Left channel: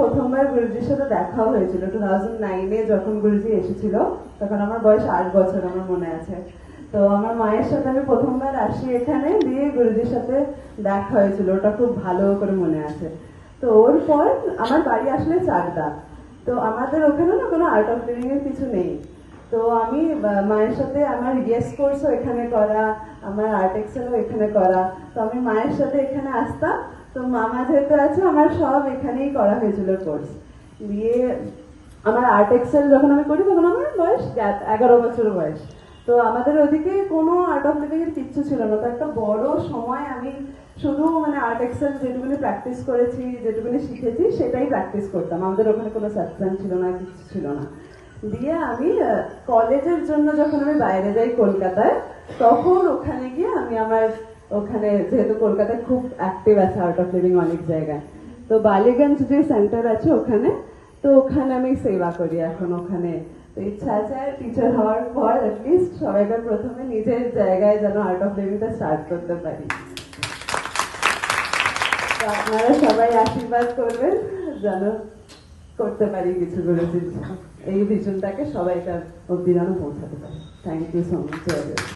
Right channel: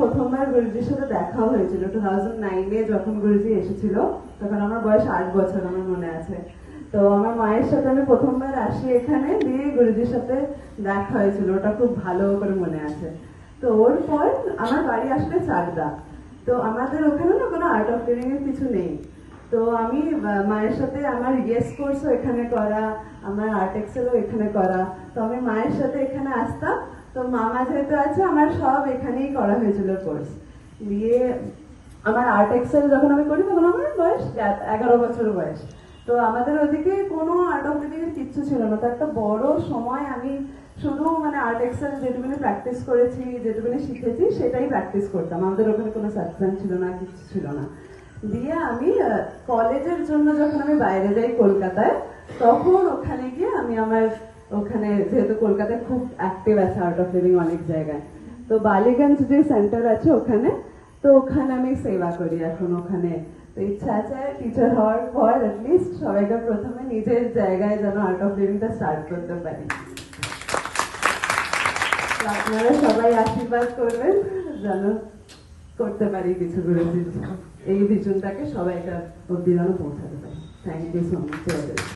প্রথমবার গুরুজির সাথে দেখা হয়েছিল 2009-এ, যখন গুরুজি এসেছিল তখন আমার বয়স 8 বছর, আমার মনে আছে। তো আমার মায়ের সাথে আমি প্রথমবার আসি এখানে, দিয়ে গুরুজির সাথে দেখা হয়েছিল, ওটা খুব ভালো করে মনে আছে। তো ওর পর আমার বাড়ি আসলে চাকদা, তো আমাদের ওখানে না কোনো আর্ট অফ লিভিং এর কিছু নেই। তো আমি মায়ের সাথে আমার ইয়েস কোর্সও এখানে করা, আমার আর্ট এক্সেলও এখানে করা, তো আমি মায়ের সাথে এখানে আসতাম। তো মামা যেহেতু আছে, আমার সব এখানেই করা হয়েছিল কোর্স দিয়ে। আমার আর্ট এক্সেল যখন আমি করি তখন আমার বয়স 11 বছর বয়স। তো আমাদের ওদিকে কোনো আর্ট অফ লিভিং এর কিচ্ছু ছিল না। তো একটা বড় সময় আমি শুধু মানে আর্ট এক্সেল যেটুকুনি প্র্যাকটিস করেছি, যেটুকুনি শিখেছি সেটাই প্র্যাকটিস করতাম। আমাদের ওখানে কোনো সাবস্টেন্স ছিল না, কিছু ছিল না। দিয়ে আমি কলেজের জন্য যখন আমি বাইরে যাই কলকাতায়, তখন ওখানে গিয়ে আমি আমার ওখানে, যেহেতু কলকাতায় খুব অ্যাক্টিভ আছে আর্ট অফ লিভিং অনেক জায়গায়, তো বালিগঞ্জ যে সেন্টার আছে ওখানে, তো ওখানে আমি সেবা করি এখন ওখানে। তো ইচ্ছা আছে টিচার হওয়ার পর অ্যাটলিস্ট সবাইকে প্রথমে নিজের জায়গায় যেন আর্ট অফ লিভিংটা স্টার্ট করতে পারি। তো আপনারা সবাই আশীর্বাদ করবেন যেন করতে পারি কিছু গুরুজির এই ভিশনটাকে সবাইকার অব্দি যেন পৌঁছাতে পারি। Thank you so much.